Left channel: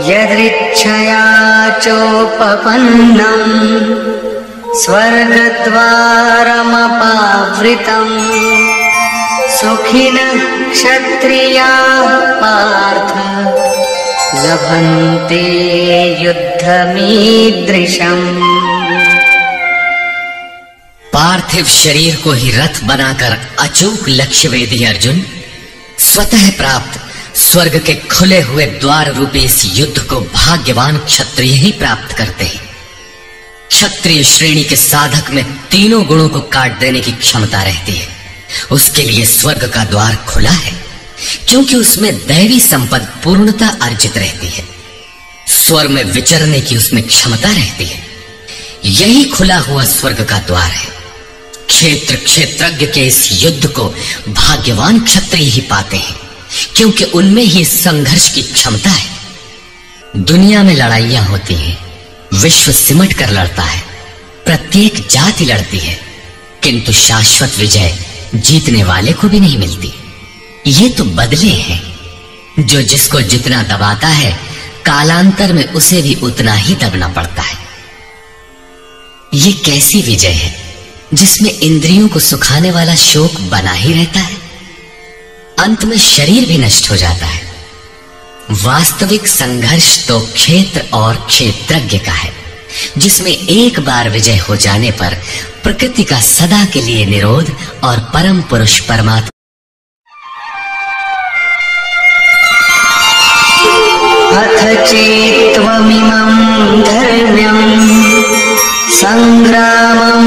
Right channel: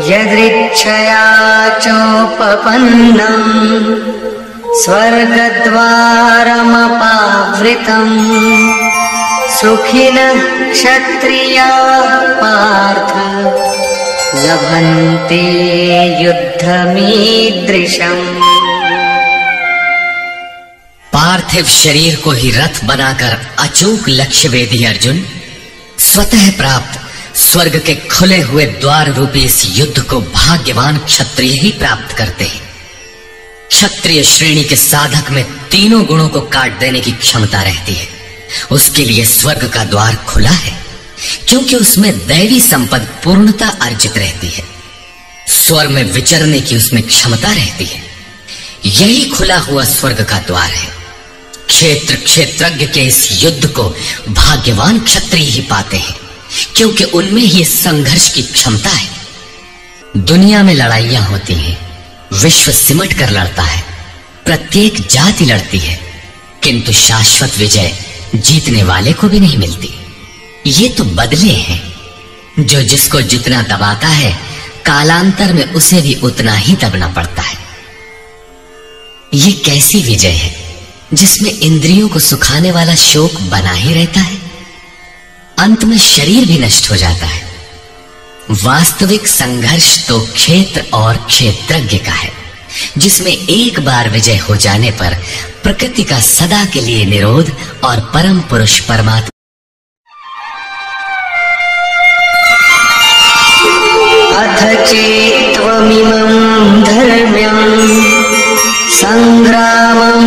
यदृच्छया चोपपन्नम् स्वर्गद्वारमपावृतम् सुखिनः क्षत्रियाः पार्थ लभन्ते युद्धमीदृशम्। पार्थिव शरीर को ही रथ बनाकर अचूक लक्ष्य वेदी अर्जुन, स्वतः प्राप्त स्वर्ग के खुले हुए द्वार रूपी इस युद्ध को भाग्यवान क्षत्रिय ही प्राप्त करते हैं। क्षत्रिय श्रेणी के साधक में तीनों गुणों को काट देने की क्षमता रहती है। उसके लिए स्वर्ग का द्वार खुला है, क्योंकि उसमें दैवी संपद पूर्णता अर्जित रहती है। स्वर्ग में विचरने की उसमें क्षमता रहती है। यही खुला हुआ स्वर्ग का द्वार है। क्षेत्रज्ञ के इस युद्ध को भाग्यवान क्षत्रिय ही पाते हैं, क्योंकि उनमें ही संघर्ष की क्षमता है। दुनिया में लड़ाइयां होती हैं, विश्व सिमट कर लड़ता है, प्रत्येक जाति लड़ती है, किंतु शाश्वत विजय जीतने वाले को भी नहीं मिलती। ये तो बदले हैं। जो जिसको जितना दबाता है, कालांतर में उसे भी उतना ही दबना पड़ता है। ये कैसी विजय है जिसमें इंद्रियों को सुखाने वाला शोक बना ही रहता है, अंत में शरीर भी नष्ट हो जाता है। वास्तविक संघर्ष तो क्षेत्र और क्षेत्रज्ञ का है, जिसमें एक बार विजय हो जाने पर प्रकृति का सदा के लिए निरोध और परम पुरुष परमात्मा अथ चेत्त्वमिमं धर्म्यं संग्रामं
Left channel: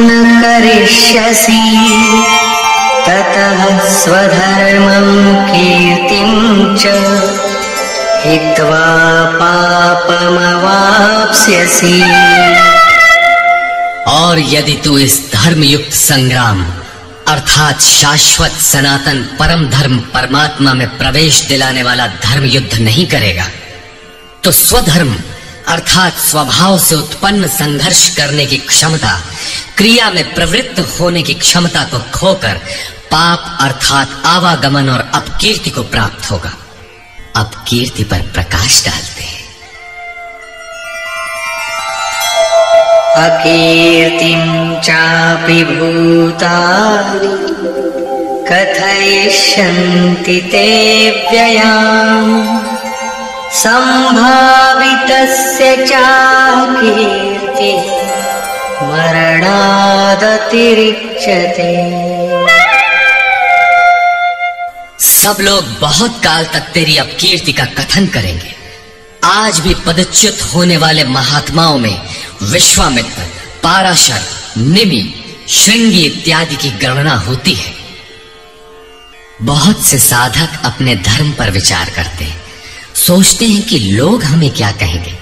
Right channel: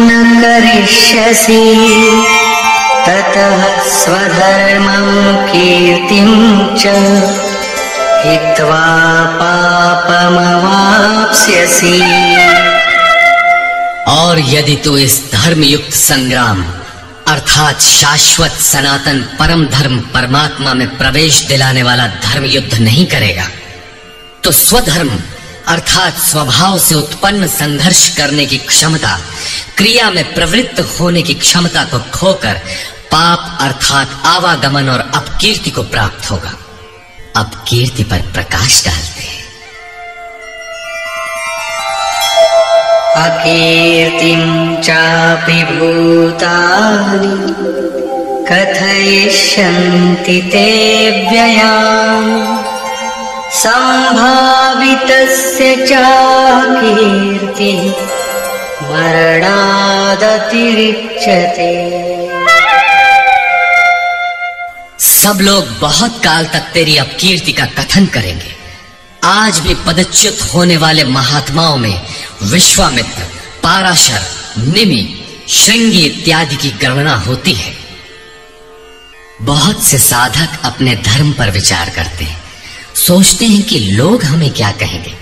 न करिष्यसि ततः स्वधर्मं कीर्तिं च हित्वा पापमवाप्स्यसि। और यदि तू इस धर्मयुक्त संग्राम अर्थात शाश्वत सनातन परम धर्म परमात्मा में प्रवेश दिलाने वाला धर्म युद्ध नहीं करेगा, तो स्वधर्म अर्थात स्वभाव से उत्पन्न संघर्ष करने की क्षमता, क्रिया में प्रवृत्त होने की क्षमता को खोकर पाप अर्थात आवागमन और अपकीर्ति को प्राप्त होगा। अपकीर्ति पर प्रकाश डालते हैं। अकीर्तिं चापि भूतानि कथयिष्यन्ति ते व्ययाम् संभावितस्य चाकीर्तिः मरणादतिरिच्यते। सब लोग बहुत काल तक तेरी अपकीर्ति का कथन करेंगे। आज भी पदच्युत होने वाले महात्माओं में विश्वामित्र, पाराशर, निमि, श्रृंगी इत्यादि की गणना होती है। बहुत से साधक अपने धर्म पर विचार करते हैं, सोचते हैं कि लोग हमें क्या कहेंगे।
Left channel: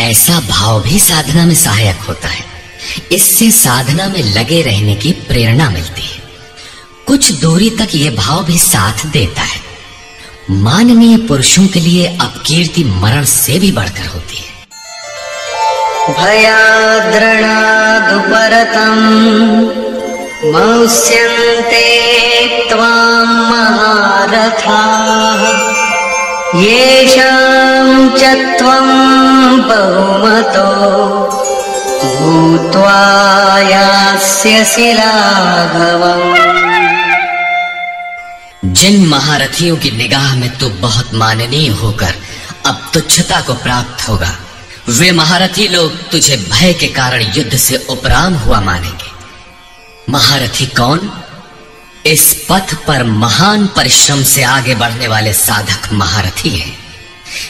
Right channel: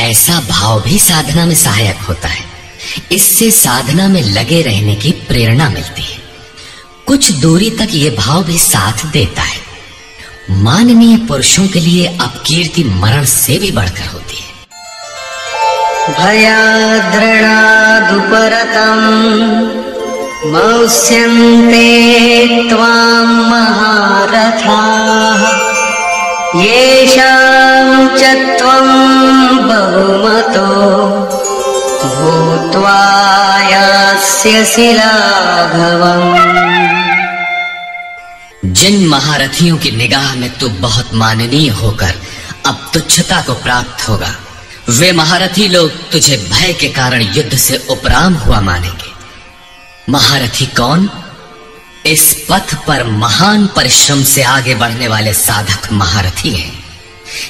ऐसा भाव भी साधना में सहायक होता है। इससे साधना में लगे रहने की प्रेरणा मिलती है। कुछ दूरी तक यह भाव भी साथ देता है। माननीय पुरुषों के लिए अपकीर्ति मरण से भी बढ़कर होती है। भयाद्रणादुपरतम् मंस्यन्ते त्वां महारथाः येषां च त्वं बहुमतो भूत्वा यास्यसि लाघवम्। जिन महारथियों की निगाह में तू बहुत माननीय होकर अब तुच्छता को प्राप्त होगा, वे महारथी लोग तुझे भय के कारण युद्ध से उपराम हुआ मानेंगे। महारथी कौन? इस पथ पर महान परिश्रम से आगे बढ़ने वाले साधक महारथी हैं।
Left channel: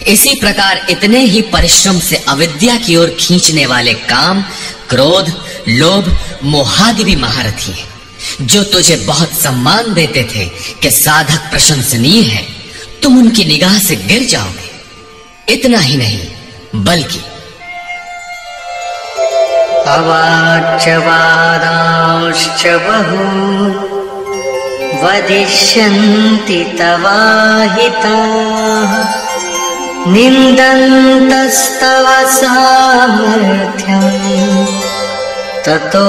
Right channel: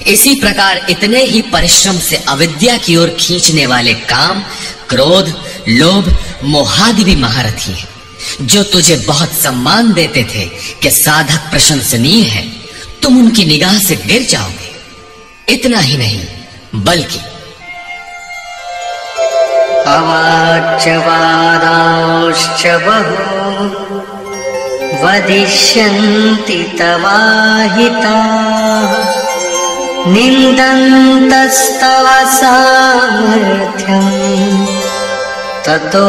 इसी प्रकार इतने ही परिश्रम से अविद्या की ओर खींचने वाले काम, क्रोध, लोभ, मोहादि भी महारथी हैं, जो तुझे बहुत सम्मान देते थे कि साधक प्रशंसनीय है, तुम उनकी निगाह से गिर जाओगे। इतना ही नहीं, बल्कि अवाच्य वादांश्च बहु वदिष्यन्ति तवाहिताः निन्दन्तस्तव सामर्थ्यम् ततो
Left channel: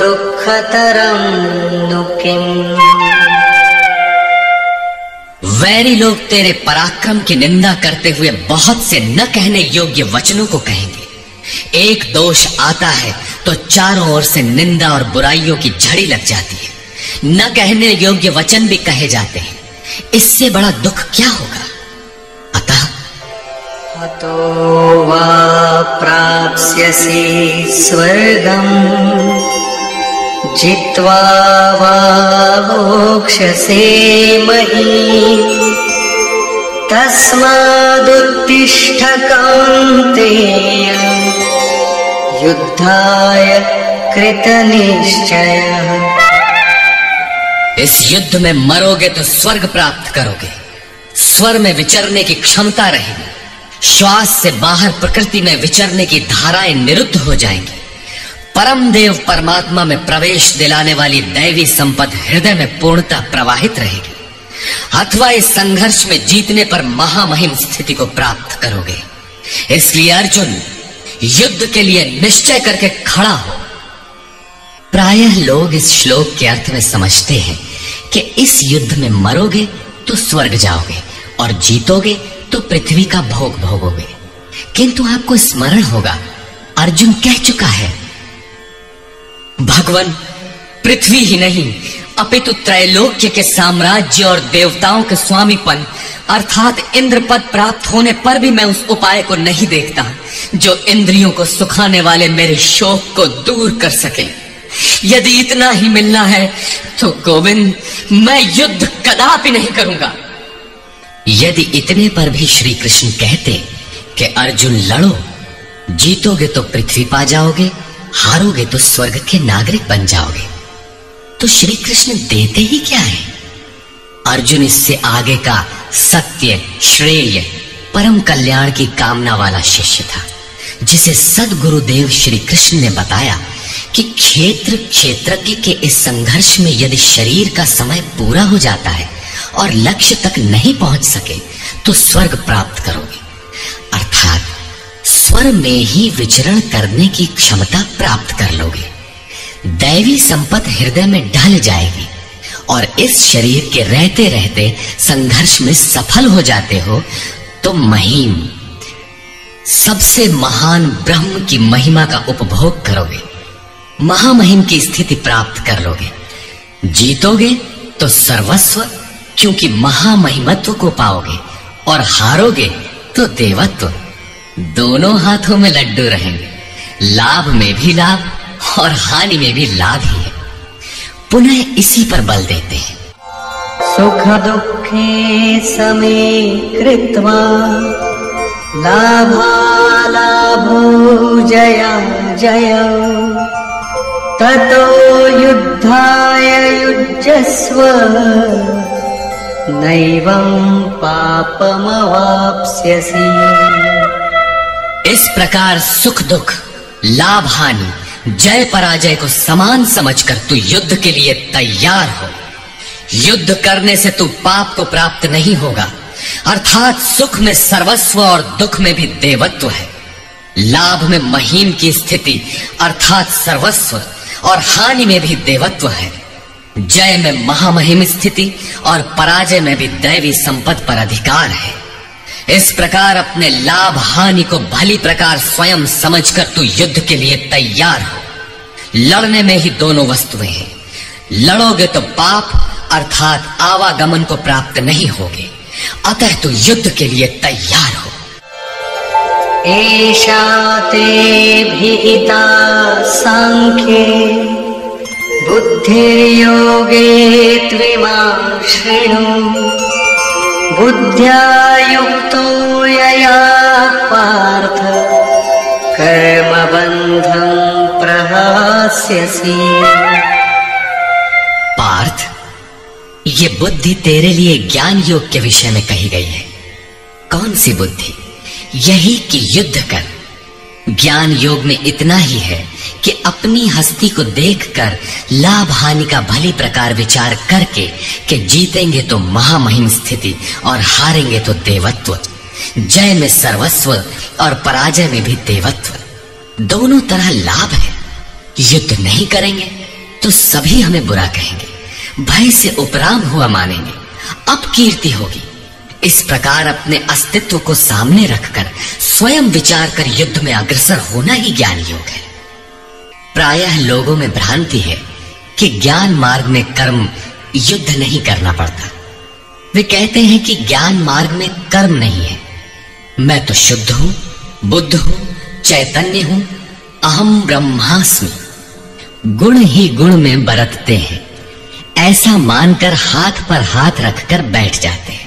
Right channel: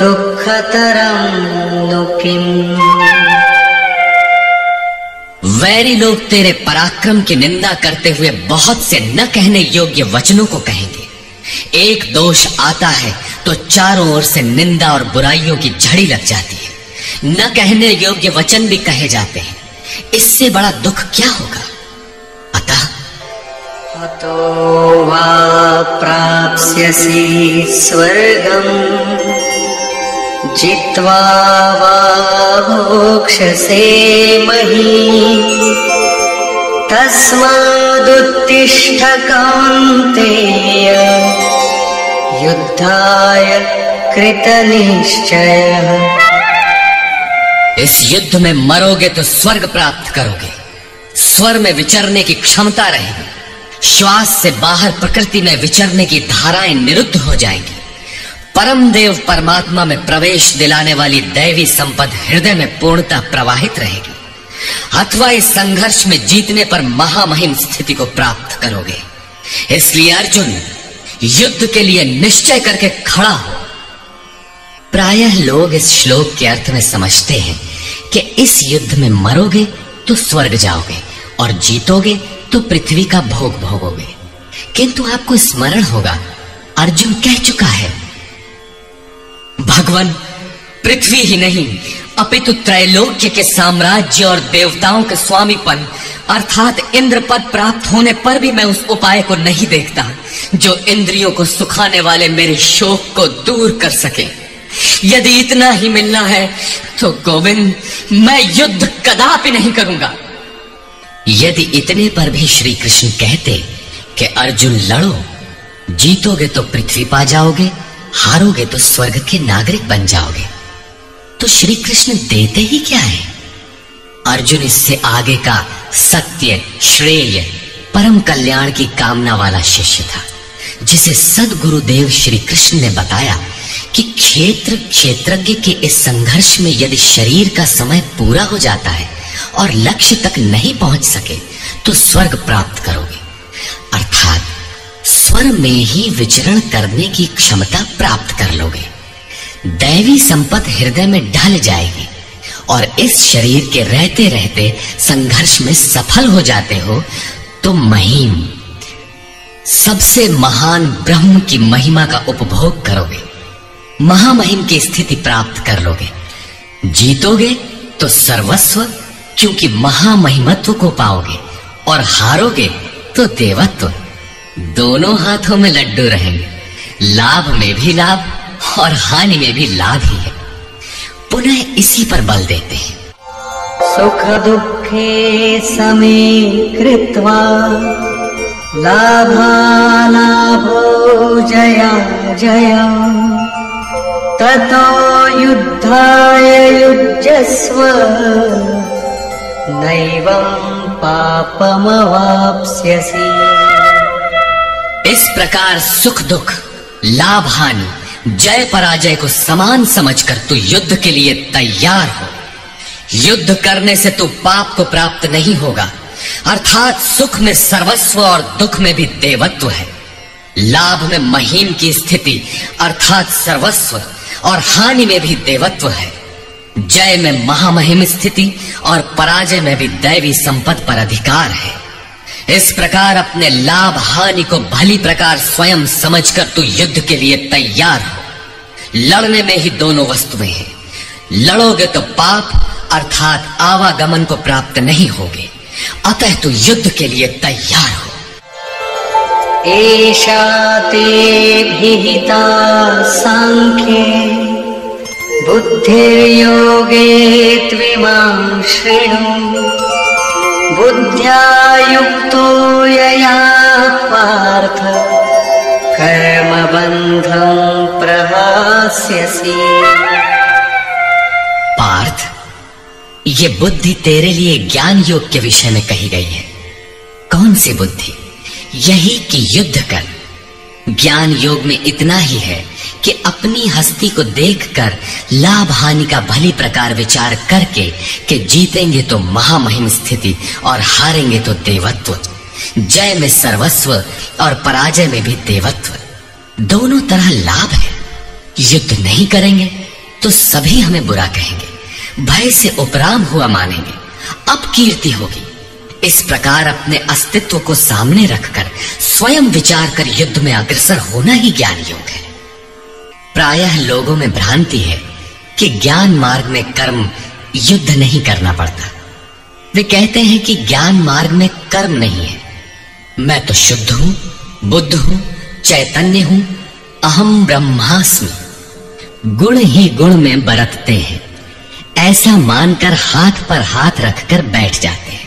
दुःखतरं नु किम्। वै बैरी लोग तेरे पराक्रम की निंदा करते हुए बहुत से न कहने योग्य वचनों को कहेंगे। एक दोष आता है तो चारों ओर से निंदा और बुराइयों की झड़ी लग जाती है। न कहने योग्य वचन भी कहे जाते हैं। इससे बड़ा दुख क्या होगा? अतः हतो वा प्राप्स्यसि स्वर्गम् जित्वा वा भोक्ष्यसे महीम् तस्मादुत्तिष्ठ कौन्तेय युद्धाय कृतनिश्चयः। इस युद्ध में मरोगे तो स्वर्ग प्राप्त करोगे। स्वर में विचरने की क्षमता रहेगी। श्वास से बाहर प्रकृति में विचरने की धाराएं निरुद्ध हो जाएंगी। परम देव परमात्मा में प्रवेश दिलाने वाली दैवी संपद हृदय में पूर्णता प्रवाहित रहेगी। अथवा इस संघर्ष में जीतने पर महामहिम स्थिति को प्राप्त करोगे। इसलिए अर्जुन, युद्ध के लिए निश्चय करके खड़ा हो। प्रायः लोग इस श्लोक के अर्थ में समझते हैं कि इस युद्ध में मरोगे तो स्वर्ग जाओगे और जीतोगे तो पृथ्वी का भोग भोगोगे। किंतु आपको स्मरण होगा, अर्जुन कह चुका है, भगवान पृथ्वी ही नहीं अपितु त्रैलोक्य के साम्राज्य और देवताओं के स्वामीपन अर्थात इंद्र पद प्राप्त होने पर भी मैं उस उपाय को नहीं देखता जो इंद्रियों को सुखाने वाले मेरे शोक को दूर कर सके। यदि इतना ही मिलना है तो गोविंद, मैं युद्ध कदापि नहीं करूंगा। यदि इतने पर भी श्री कृष्ण कहते कि अर्जुन लड़ो, जीतोगे तो पृथ्वी पा जाओगे, हारोगे तो स्वर्ग के नागरिक बन जाओगे, तो श्री कृष्ण देते ही क्या है? अर्जुन इससे आगे का सत्य, श्रेय, परम कल्याण की कामना वाला शिष्य था, जिसे सद्गुरुदेव श्री कृष्ण ने बताया कि क्षेत्रज्ञ के इस संघर्ष में यदि शरीर का समय पूरा हो जाता है और लक्ष्य तक नहीं पहुंच सके तो स्वर्ग प्राप्त करोगे। अर्थात स्वर में ही विचरण करने की क्षमता प्राप्त कर लोगे। दैवी संपत्ति हृदय में ढल जाएगी और इस शरीर के रहते रहते संघर्ष में सफल हो जाते हो तो महिम, सबसे महान ब्रह्म की महिमा का उपभोग करोगे। महामहिम की स्थिति प्राप्त कर लोगे। जीतोगे तो सर्वस्व, क्योंकि महामहिमत्व को पाओगे, और हारोगे तो देवत्व। दोनों हाथों में लड्डू रहेंगे। लाभ में भी लाभ और हानि में भी लाभ ही है। पुनः इसी पर बल देते हैं, सुख दुःखे समे कृत्वा लाभालाभो जयं जयं ततो युद्धाय युज्यस्व नैवं पापमवाप्स्यसि। इस प्रकार सुख दुख, लाभ हानि, जय पराजय को समान समझकर तू युद्ध के लिए तैयार हो। युद्ध करने से तू पाप को प्राप्त नहीं होगा, अर्थात सुख में सर्वस्व और दुख में भी देवत्व है। लाभ में महिम की स्थिति अर्थात सर्वस्व और हानि में भी देवत्व है। जय में महामहिम स्थिति और पराजय में भी दैवी संपत्ति पर अधिकार है। इस प्रकार अपने लाभ हानि को भली प्रकार स्वयं समझकर तू युद्ध के लिए तैयार हो। लड़ने में ही दोनों वस्तुएं हैं। लड़ोगे तो पाप अर्थात आवागमन को प्राप्त नहीं होगे, अतः तू युद्ध के लिए तैयार हो। एषा ते विहिता सांख्ये बुद्धिर्योगे त्विमां शृणु बुद्ध्या युक्तो यया पार्थ कर्मबन्धं प्रहास्यसि। पार्थ, ये बुद्धि तेरे लिए ज्ञान योग के विषय में कही गई है। कौन सी बुद्धि? यही कि युद्ध कर। ज्ञान योग में इतना ही है कि अपनी हस्ती को देखकर लाभ हानि का भली प्रकार विचार करके कि जीतेंगे तो महामहिम स्थिति और हारेंगे तो देवत्व। जय में सर्वस्व और पराजय में भी देवत्व। दोनों तरह लाभ है। युद्ध नहीं करेंगे तो सभी हमें बुरा कहेंगे, भय से उपराम हुआ मानेंगे, अपकीर्ति होगी, इस प्रकार अपने अस्तित्व को सामने रखकर स्वयं विचार कर युद्ध में अग्रसर होना ही ज्ञान योग है। प्रायः लोगों में भ्रांति है कि ज्ञान मार्ग में कर्म युद्ध नहीं करना पड़ता। वे कहते हैं कि ज्ञान मार्ग में कर्म नहीं है। मैं तो शुद्ध हूं, बुद्ध हूं, चैतन्य हूं, अहम ब्रह्मास्मि। गुण ही गुण में बरतते हैं, ऐसा मानकर हाथ पर हाथ रखकर बैठ जाते हैं।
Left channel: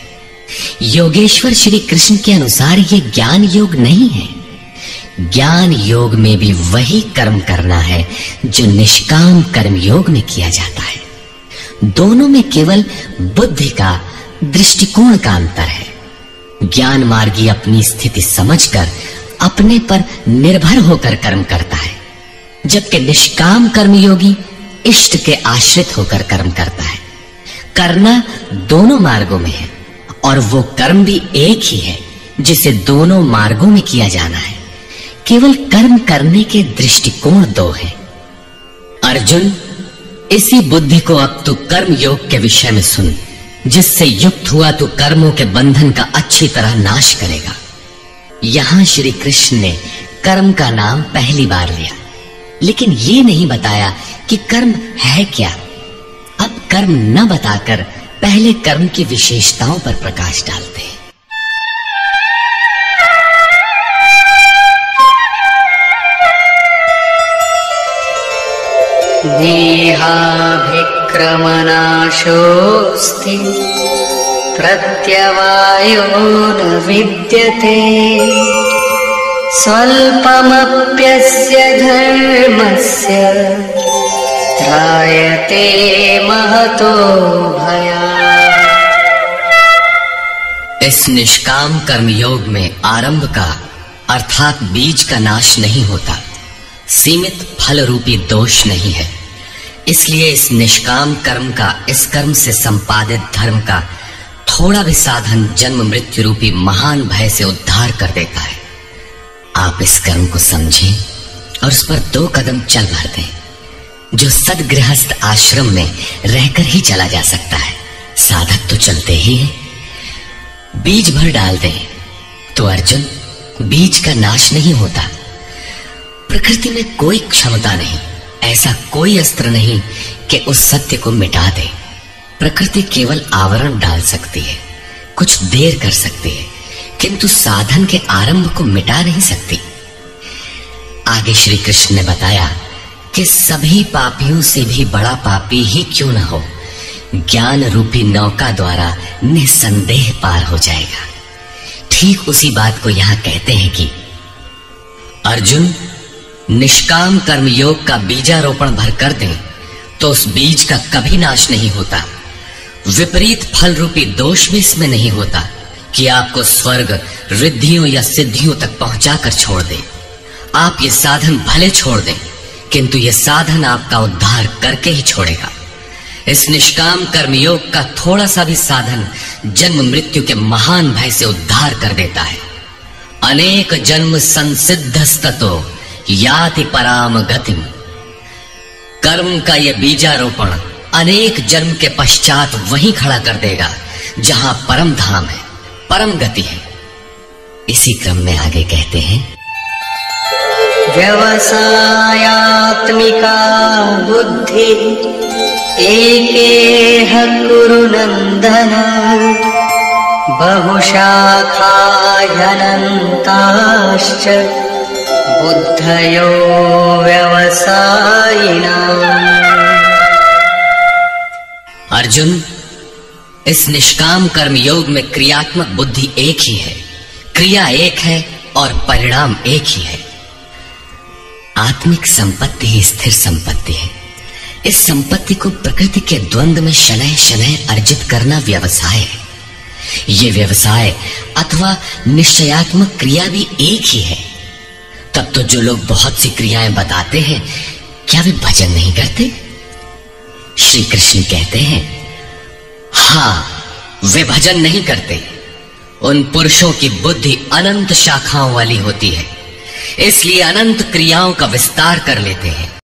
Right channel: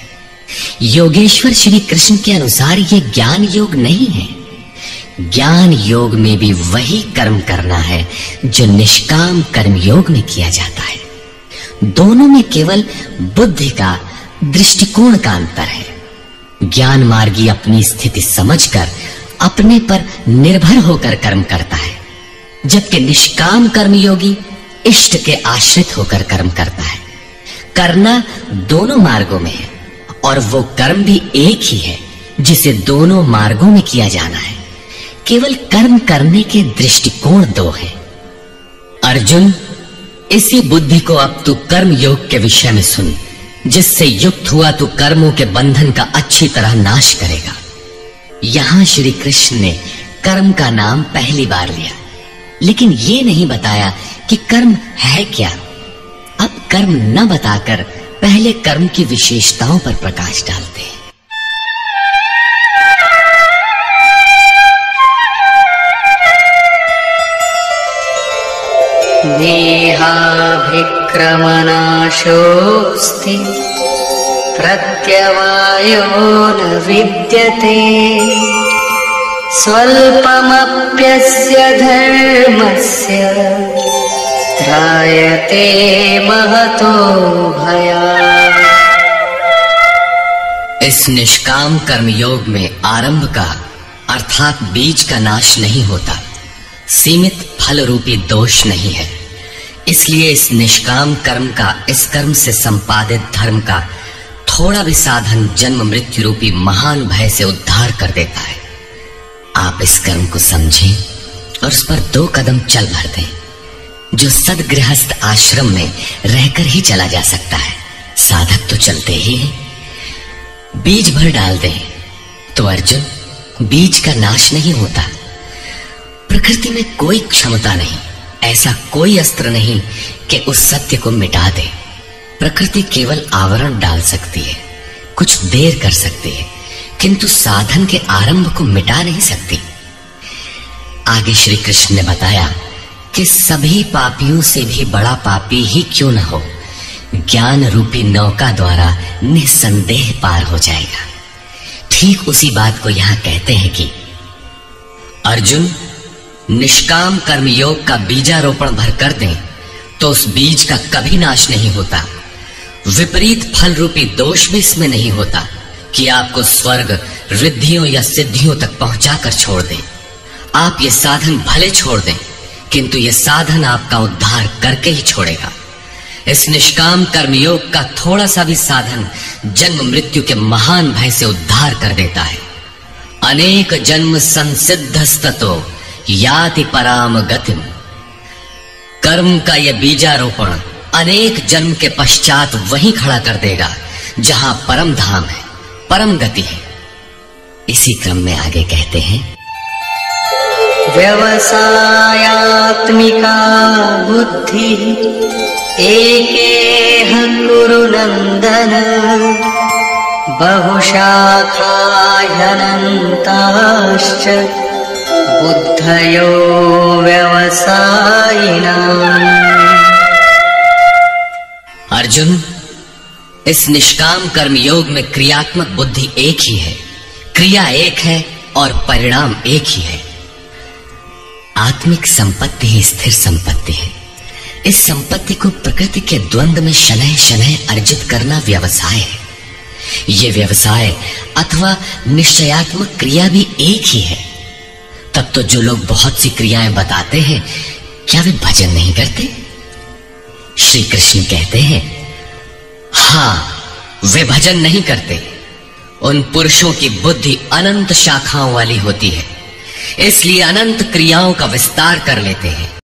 योगेश्वर श्री कृष्ण के अनुसार ये ज्ञान योग नहीं है। ज्ञान योग में भी वही कर्म करना है जो निष्काम कर्म योग में किया जाता है। दोनों में केवल बुद्धि का, दृष्टिकोण का अंतर है। ज्ञान मार्गी अपनी स्थिति समझकर अपने पर निर्भर होकर कर्म करता है, जबकि निष्काम कर्मयोगी इष्ट के आश्रित होकर कर्म करता है। करना दोनों मार्गों में है और वो कर्म भी एक ही है जिसे दोनों मार्गों में किया जाना है। केवल कर्म करने के दृष्टिकोण दो है। अर्जुन, इसी बुद्धि को अब तू कर्म योग के विषय में सुन, जिससे युक्त हुआ तू कर्मों के बंधन का अच्छी तरह नाश करेगा। यहां श्री कृष्ण ने कर्म का नाम पहली बार लिया, लेकिन ये नहीं बताया कि कर्म है क्या। अब कर्म न बताकर पहले कर्म की विशेषताओं पर प्रकाश डालते हैं। देहाभिक्रमनाशोऽस्ति प्रत्यवायो न विद्यते स्वल्पमप्यस्य धर्मस्य त्रायते महतो भयात्। इस निष्काम कर्म योग में आरंभ का अर्थात बीज का नाश नहीं होता, सीमित फल रूपी दोष नहीं है। इसलिए इस निष्काम कर्म का, इस कर्म से संपादित धर्म का थोड़ा भी साधन जन्म मृत्यु रूपी महान भय से उद्धार कर देता है। आप इस कर्म को समझें और उस पर 2 कदम चल भर दें, जो सदगृहस्थ आश्रम में रहकर ही चला जा सकता है। साधक तो चलते ही है। बीज भर डाल दें तो अर्जुन, बीज का नाश नहीं होता। प्रकृति में कोई क्षमता नहीं, ऐसा कोई अस्त्र नहीं कि उस सत्य को मिटा दे। प्रकृति केवल आवरण डाल सकती है, कुछ देर कर सकती है, किंतु साधन के आरंभ को मिटा नहीं सकती। आगे श्री कृष्ण ने बताया कि सभी पापियों से भी बड़ा पापी ही क्यों न हो, ज्ञान रूपी नौका द्वारा निसंदेह पार हो जाएगा। ठीक उसी बात को यहां कहते हैं कि अर्जुन, निष्काम कर्म योग का बीजारोपण भर कर दें तो उस बीज का कभी नाश नहीं होता। विपरीत फल रूपी दोष भी इसमें नहीं होता कि आपको स्वर्ग, रिद्धियों या सिद्धियों तक पहुंचाकर छोड़ दे। आप ये साधन भले छोड़ दें, किंतु यह साधन आपका उद्धार करके ही छोड़ेगा। इस निष्काम कर्मयोग का थोड़ा सा भी साधन जन्म मृत्यु के महान भय से उद्धार कर देता है। अनेक जन्म संसिद्धस्ततो याति पराम गतिम। कर्म का यह बीजारोपण अनेक जन्म के पश्चात वहीं खड़ा कर देगा जहां परम धाम है, परम गति है। इसी क्रम में आगे कहते हैं, व्यवसायात्मिका बुद्धि एकेह कुरु नंदन बहुशाखा ह्यनन्ताश्च बुद्धयो व्यवसायिनाम्। अर्जुन, इस निष्काम कर्म योग में क्रियात्मक बुद्धि एक ही है, क्रिया एक है और परिणाम एक ही है। आत्मिक संपत्ति ही स्थिर संपत्ति है। इस संपत्ति को प्रकृति के द्वंद्व में शनैः शनैः अर्जित करना व्यवसाय है। ये व्यवसाय अथवा निश्चयात्मक क्रिया भी एक ही है। तब तो जो लोग बहुत सी क्रियाएं बताते हैं, क्या वे भजन नहीं करते? श्री कृष्ण कहते हैं, हाँ, वे भजन नहीं करते। उन पुरुषों की बुद्धि अनंत शाखाओं वाली होती है, इसलिए अनंत क्रियाओं का विस्तार कर लेते हैं।